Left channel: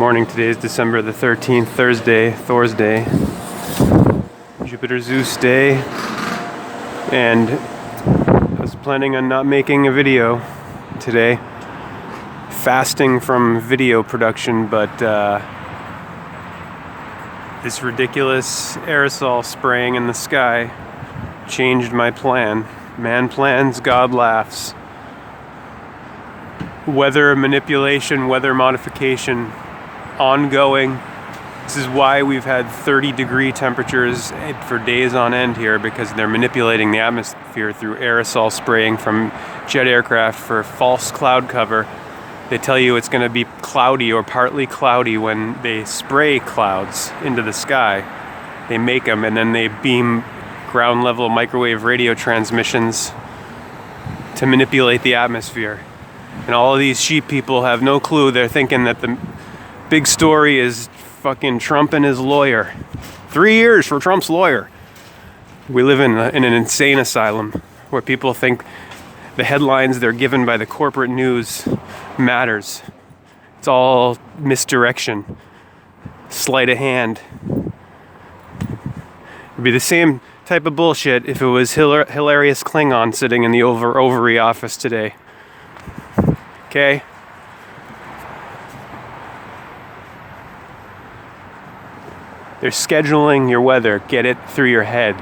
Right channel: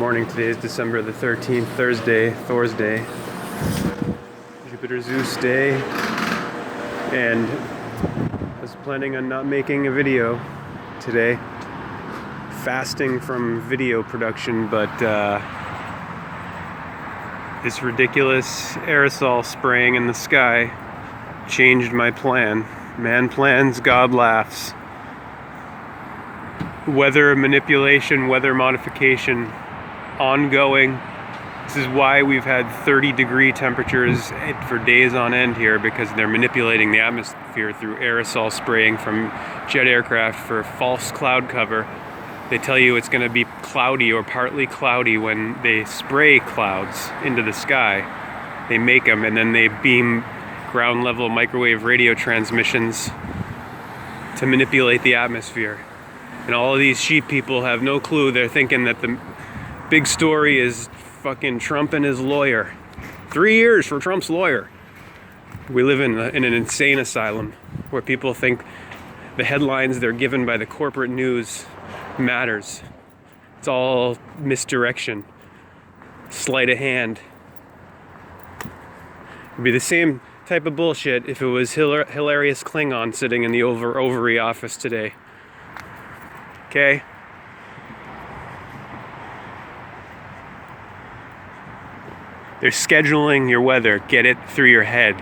Morning. Today is December the 13th, Thursday, Thor's Day, Jupiter Zeus Day, and I was planning on not making a video today, fasting from video production, but this ridiculous aerosol spraying in the sky changed my plan. Man plans, God laughs. Weather manipulation, weather modification, ongoing. This is why we've had 30-degree temperatures for days on end here, because they're manipulating the atmosphere through aerosol spraying from jet aircraft for false cloud cover. They tell you it's going to be cloudy or partly cloudy when they spray clouds into the sky. They make them and then they beam ground level microwave radio transmissions to manipulate the atmosphere. And all of these sheep people have no clue. They're thinking that the big story is fucking Trump and his lawyer. 3 years for Trump's lawyer. We live in an insane asylum where people think the headlines they're given by the corporate news matters. It's all misdirection, sleight of hand. It'd be the same type of bullshit if it was hilarious Klingon sitting in the ovary office today. Okay? They're scheduling your weather. Get it through your head.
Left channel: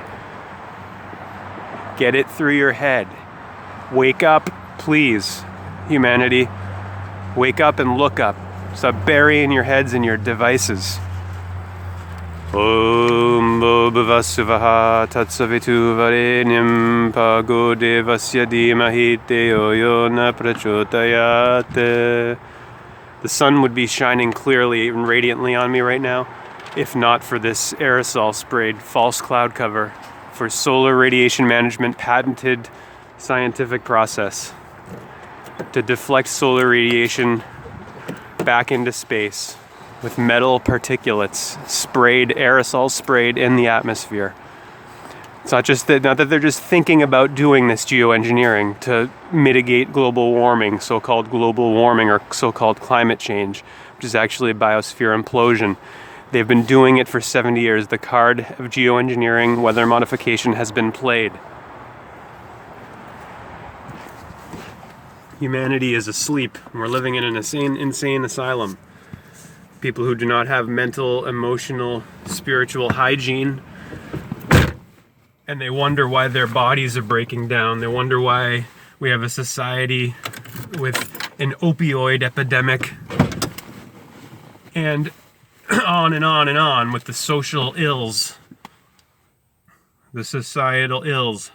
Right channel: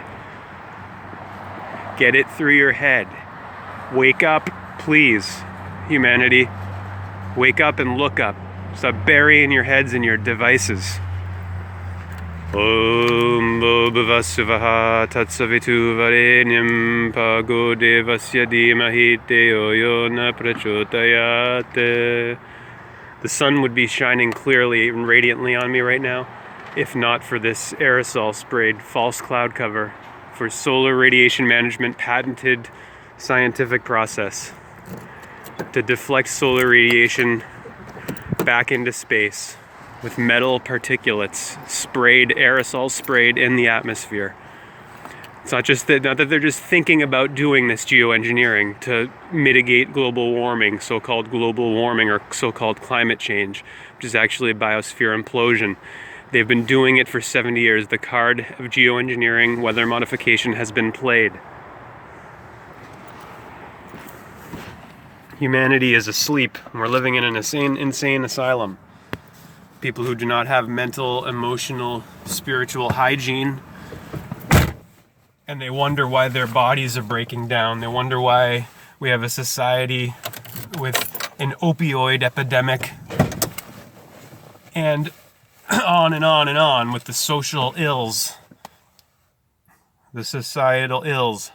Get it through your head. Wake up, please, humanity. Wake up and look up. Stop burying your heads in your devices. Om Bhuvasuvaha Tatsavitu Varenyam Pago Devasya Dhimahi Teo Yona Prachodayate. The sun would be shining clearly and radiantly on me right now if not for this aerosol sprayed false cloud cover for solar radiation management patented scientific process to deflect solar radiation back into space with metal particulates aerosol sprayed in the atmosphere. It's not that they're just thinking about doing this geoengineering to mitigate global warming, so-called global warming or so-called climate change, which is actually a biosphere implosion. They've been doing it for 70 years. The card of geoengineering, weather modification, has been played. Humanity is asleep, and we're living in an insane asylum. People who do not have mental, emotional, spiritual hygiene, and they wonder why their bodies are breaking down. They wonder why we have a society with an opioid epidemic, and on and on and on with the social ills, the societal ills.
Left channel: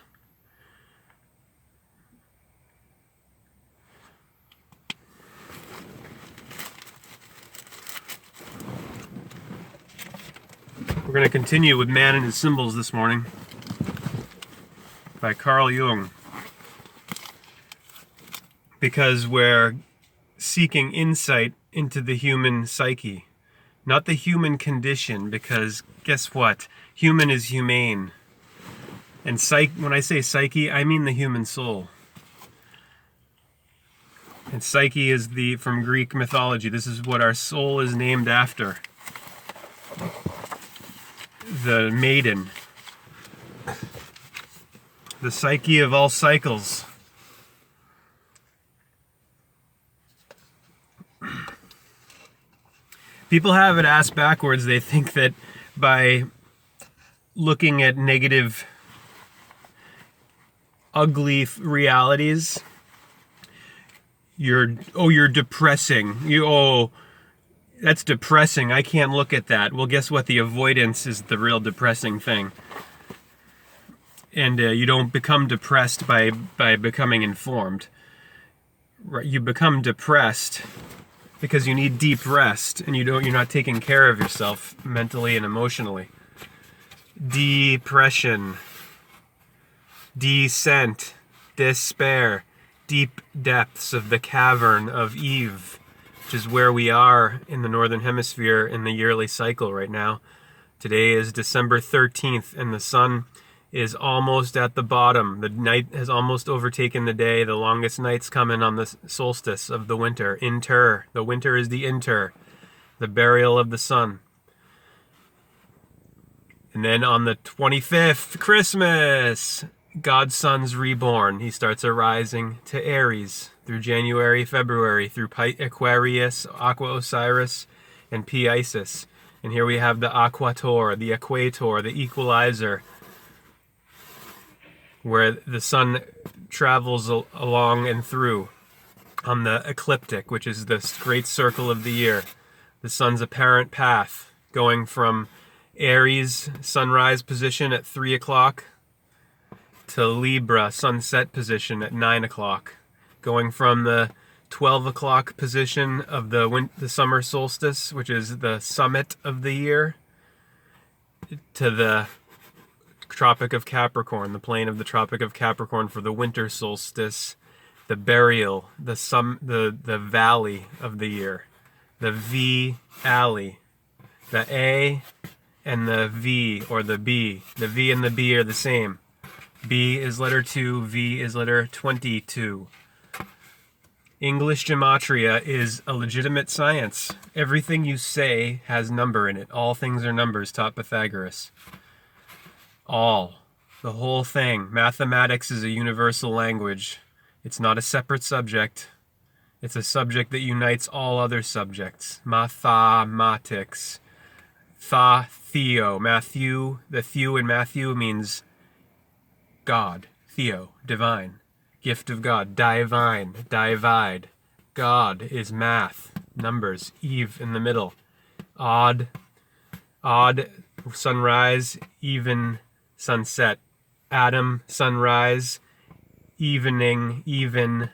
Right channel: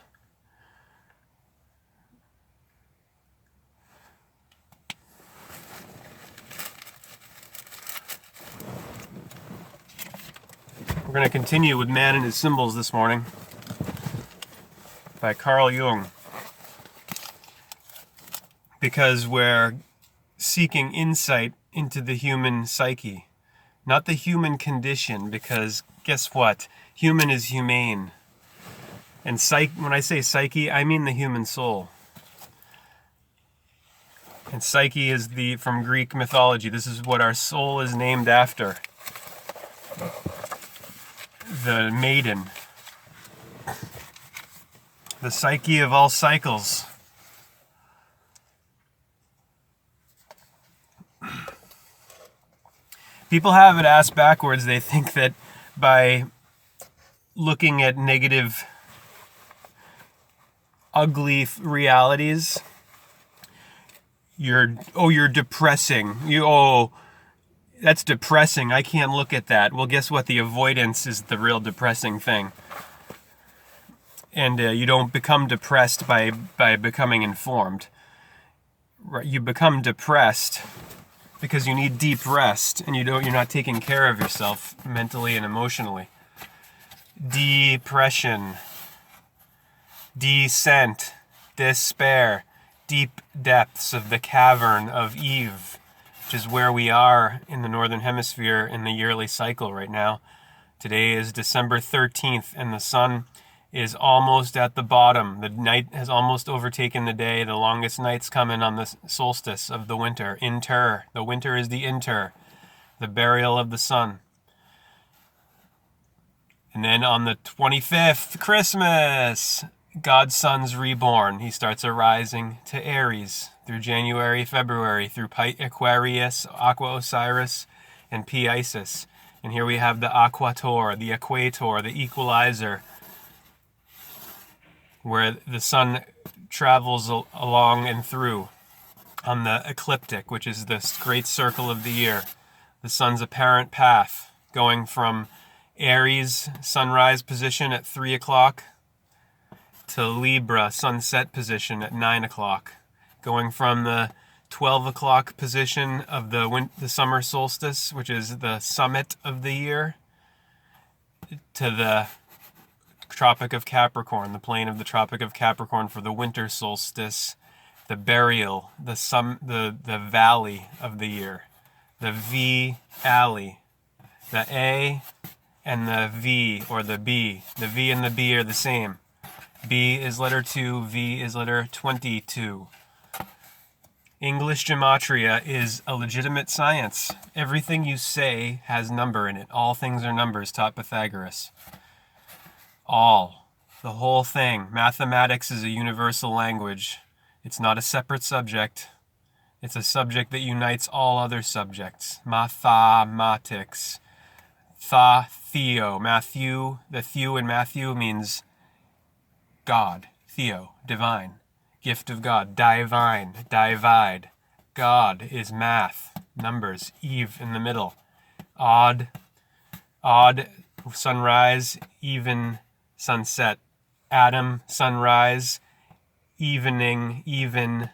We're going to continue with Man and His Symbols this morning by Carl Jung, because we're seeking insight into the human psyche, not the human condition, because guess what? Human is humane. And when I say psyche, I mean the human soul. And psyche is from Greek mythology. This is what our soul is named after. The maiden, the psyche of all cycles. People have it asked backwards. They think that by looking at negative, ugly realities, you're depressing. That's depressing. I can't look at that. Well, guess what? The avoidance is the real depressing thing. And you don't become depressed by becoming informed. You become depressed because you need deep rest, and you're not taking care of yourself mentally and emotionally. Depression, descent, despair, deep depths of the cavern of Eve, which is where we are in the Northern Hemisphere in the yearly cycle right now. Today is December 13th, and the sun is almost at the bottom. The night has almost overtaken the day. The longest night's coming on the solstice of the winter. The winter is the the burial of the sun. And then on the 25th, Christmas, God's son's reborn. He starts arising to Aries through January, February, through Aquarius, Aqua Osiris, and Pi Isis. And here we have the Aquator, the Equator, the Equalizer, where the sun travels along and through on the ecliptic, which is this great circle of the year. The sun's apparent path going from Aries sunrise position at 3 o'clock to Libra sunset position at 9 o'clock, going from the 12 o'clock position of the summer solstice, which is the summit of the year, to the Tropic of Capricorn, the plane of the Tropic of Capricorn for the winter solstice, the burial, the valley of the year, the V alley, the A and the V, or the B. The V and the B are the same. B is letter 2, V is letter 22. English gematria is a legitimate science. Everything you say has number in it. All things are numbers, taught Pythagoras. All. The whole thing. Mathematics is a universal language. It's not a separate subject. It's a subject that unites all other subjects. Mathematics. Theo. Matthew. The Thew in Matthew means God. Theo. Divine. Gift of God. Divine. Divide. God is math. Numbers. Eve in the middle. Odd. Sunrise. Even sunset. Adam. Sunrise. Evening. Even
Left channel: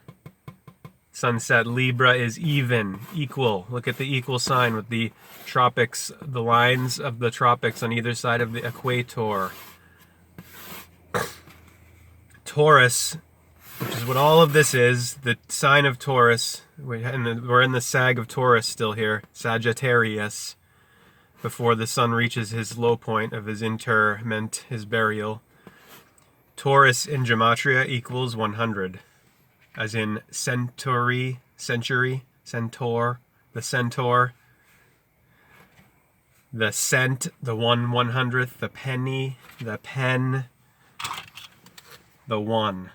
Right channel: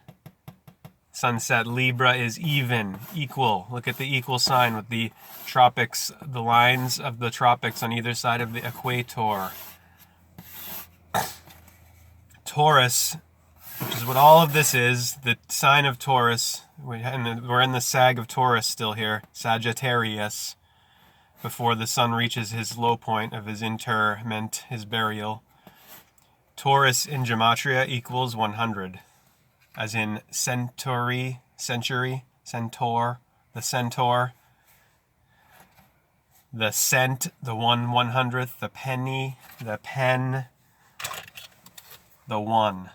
sunset. Libra is even. Equal. Look at the equal sign with the tropics, the lines of the tropics on either side of the equator. Taurus, which is what all of this is, the sign of Taurus. We're in the sag of Taurus still here, Sagittarius, before the sun reaches his low point of his interment, his burial. Taurus in gematria equals 100, as in century, centaur, the centaur, the cent, the 1/100th, the penny, the pen, the one.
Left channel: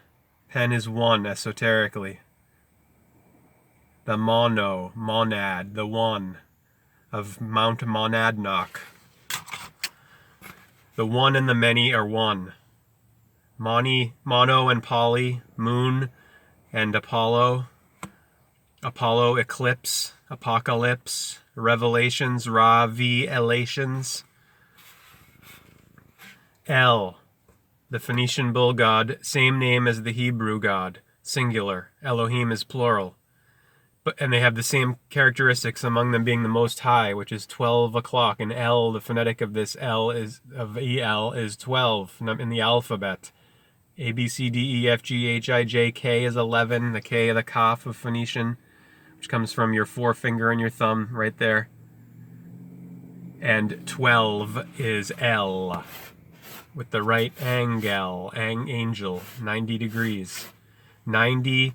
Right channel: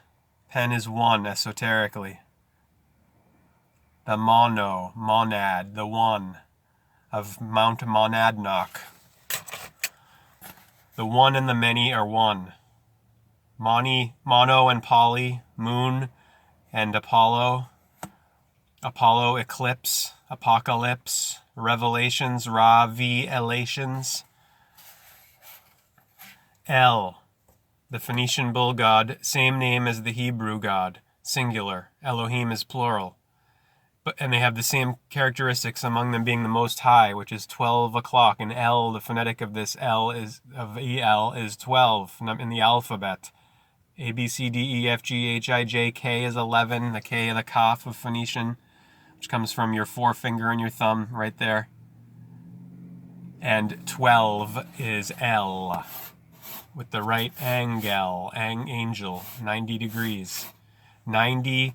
Pen is one esoterically. The monad, the one of Mount Monadnock. The one and the many are one. Mono and poly, moon and Apollo. Apollo eclipse, apocalypse, revelations, revelations. El, the Phoenician bull god, same name as the Hebrew god, singular. Elohim is plural. And they have the same characteristics, among them being the Most High, which is 12 o'clock. And El, the phonetic of this El of El is 12 in the alphabet. A, B, C, D, E, F, G, H, I, J, K is 11. The K, the Kaf of Phoenician, which comes from your forefinger and your thumb right there. And 12 is El, with the right angle, angel, 90 degrees. 90,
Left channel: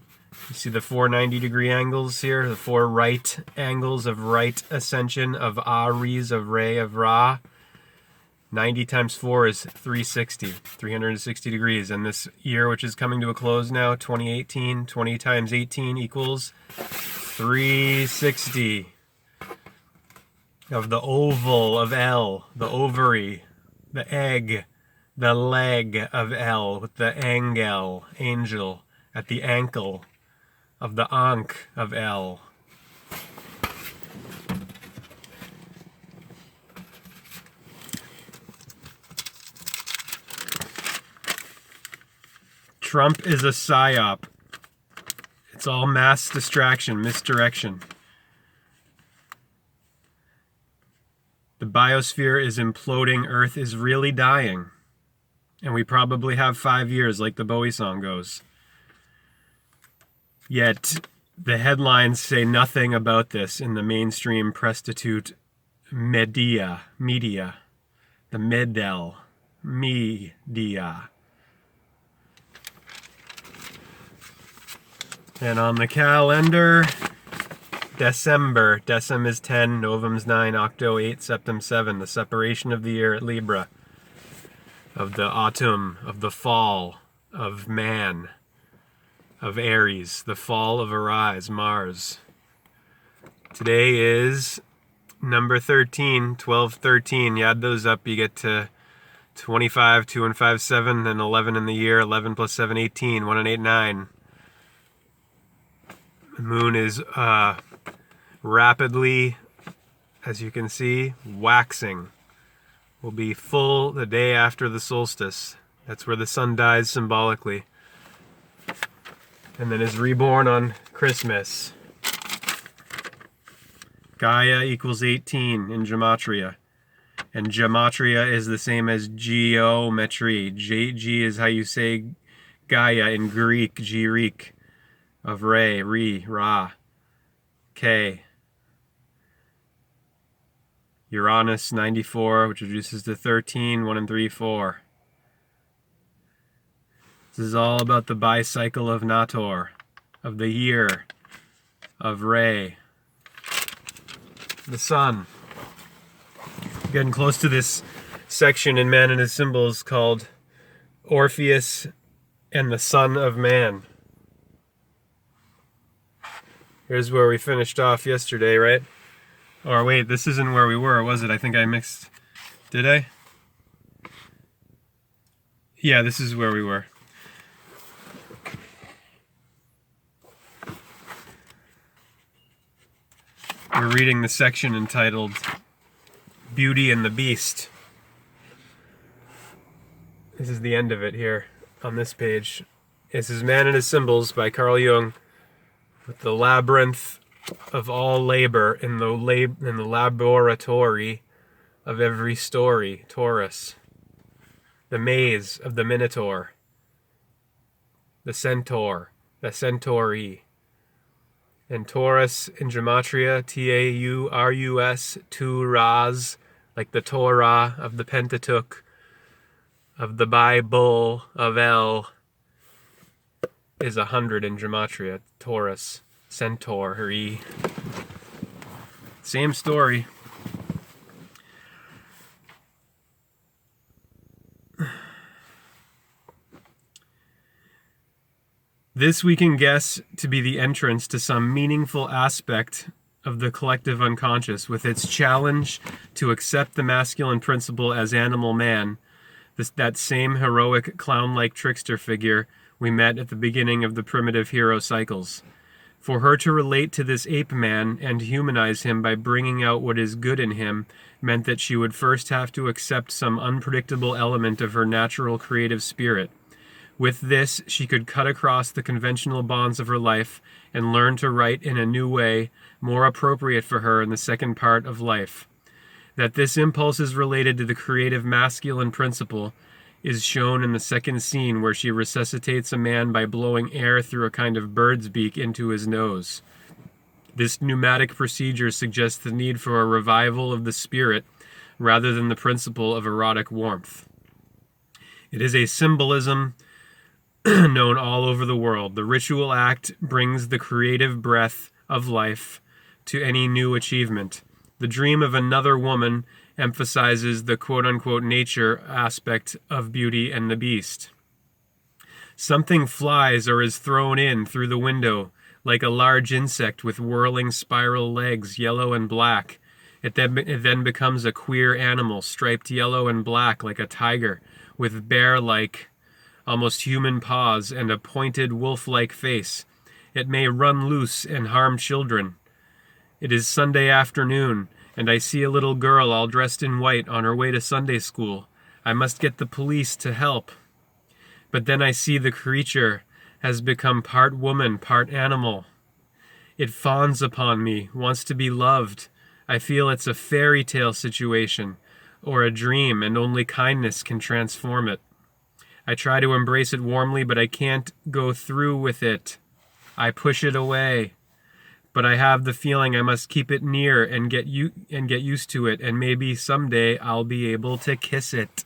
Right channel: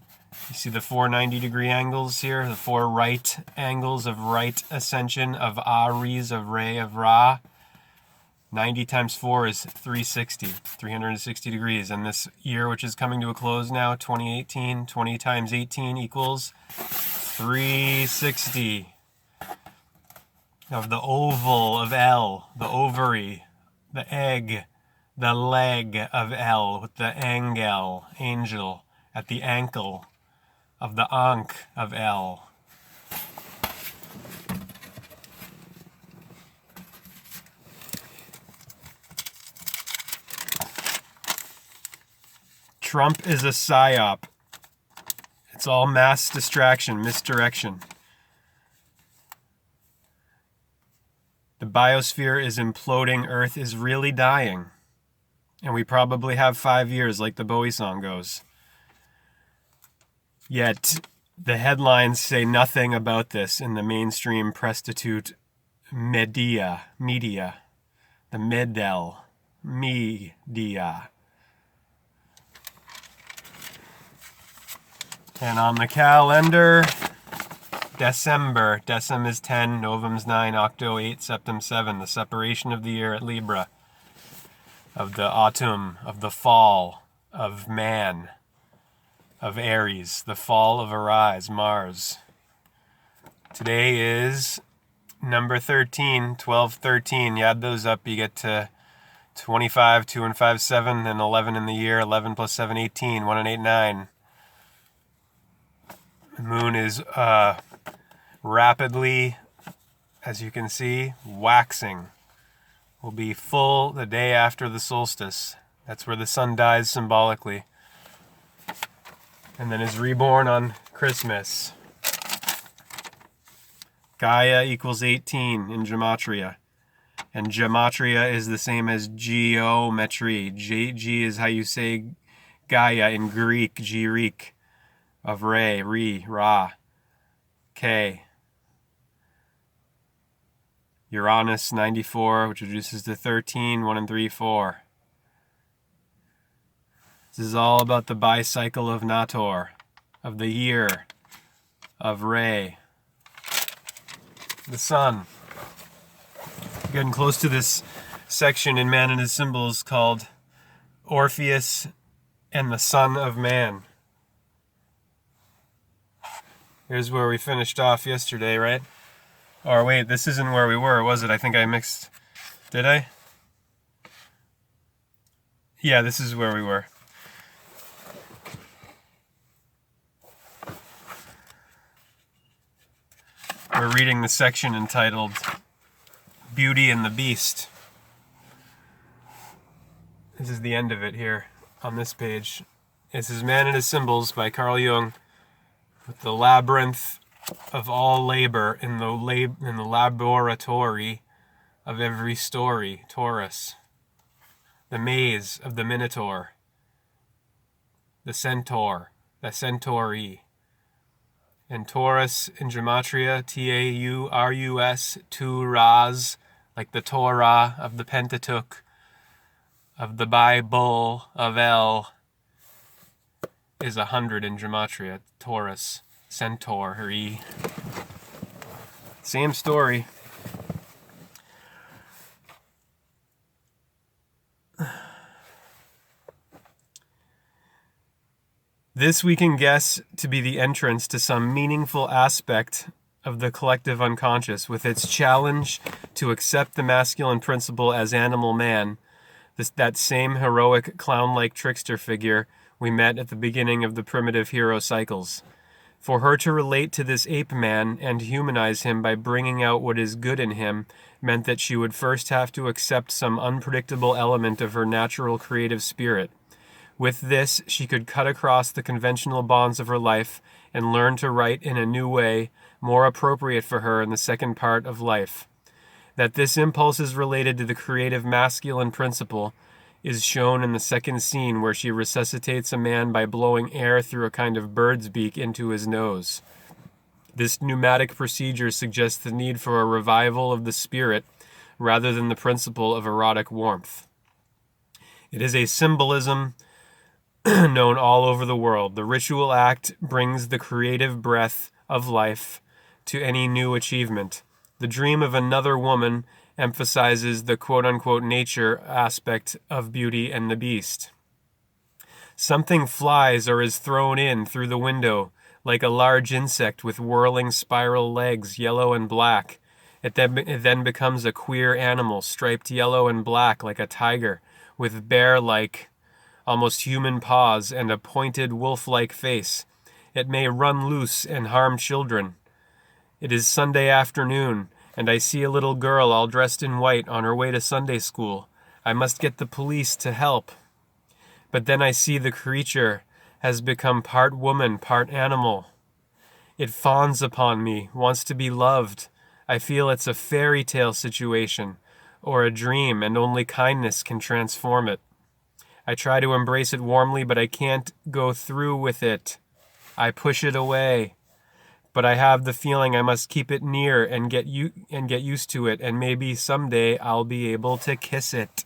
you see the 4 90-degree angles here, the 4 right angles of right ascension of Aries, of Re, of Ra. 90 times 4 is 360 degrees. And this year, which is coming to a close now, 2018, 20 times 18 equals 360. Of the oval of El, the ovary, the egg, the leg of El, with the angel, angel, at the ankle of the Ankh of El. Trump is a psyop. It's all mass distraction, misdirection. The biosphere is imploding. Earth is really dying. And we probably have 5 years, like the Bowie song goes. Yet, the headlines say nothing about this in the mainstream prostitute media, the Medel media. And on the calendar, December. Decem is 10, Novem's 9, Octo 8, Septem 7. The separation of the year at Libra, of the autumn, of the fall, of man, of Aries, the fall of Arise, Mars. Today is number 13, 12, 13. You add those up, you get to 25, 2 and 5, 7, and 11 in the year. 11 plus 7, 18, 1 and 8, 9. The moon is rapidly, as you can see, waxing. Will be full the day after the solstice. That's where the sun dies symbolically. And then is reborn on Christmas. Gaia equals 18 in gematria. And gematria is the same as geometry. G is how you say Gaia in Greek, Greek, of Re, Ra, K. Uranus 94, which reduces to 13, 1 and 3, 4. This is all about the bicycle of Nator, of the year, of Re, the sun. Getting close to this section in Man and His Symbols called Orpheus and the Son of Man. Here's where we finished off yesterday, right? Or wait, this isn't where we were, was it? I think I mixed... Did I? Yeah, this is where we were. We're reading the section entitled Beauty and the Beast. This is the end of it here on this page. This is Man and His Symbols by Carl Jung, with the labyrinth of all labor in the laboratory of every story, Taurus. The maze of the Minotaur, the centaur, the centauri. And Taurus in gematria, Taurus, Turas, like the Torah of the Pentateuch, of the Bible, of El, is 100 in gematria. Taurus, centauri. Same story. This we can guess to be the entrance to some meaningful aspect of the collective unconscious, with its challenge to accept the masculine principle as animal man, that same heroic clown-like trickster figure we met at the beginning of the primitive hero cycles. For her to relate to this ape man and humanize him by bringing out what is good in him meant that she would first have to accept some unpredictable element of her natural creative spirit. With this, she could cut across the conventional bonds of her life and learn to write in a new way, more appropriate for her in the second part of life. That this impulse is related to the creative masculine principle is shown in the second scene, where she resuscitates a man by blowing air through a kind of bird's beak into his nose. This pneumatic procedure suggests the need for a revival of the spirit rather than the principle of erotic warmth. It is a symbolism known all over the world. The ritual act brings the creative breath of life to any new achievement. The dream of another woman emphasizes the quote-unquote nature aspect of Beauty and the Beast. Something flies or is thrown in through the window, like a large insect with whirling spiral legs, yellow and black. It then becomes a queer animal, striped yellow and black like a tiger, with bear-like, almost human paws and a pointed wolf-like face. It may run loose and harm children. It is Sunday afternoon, and I see a little girl all dressed in white on her way to Sunday school. I must get the police to help. But then I see the creature has become part woman, part animal. It fawns upon me, wants to be loved. I feel it's a fairy tale situation, or a dream, and only kindness can transform it. I try to embrace it warmly, but I can't go through with it. I push it away. But I have the feeling I must keep it near and get used to it, and maybe someday I'll be able to kiss it.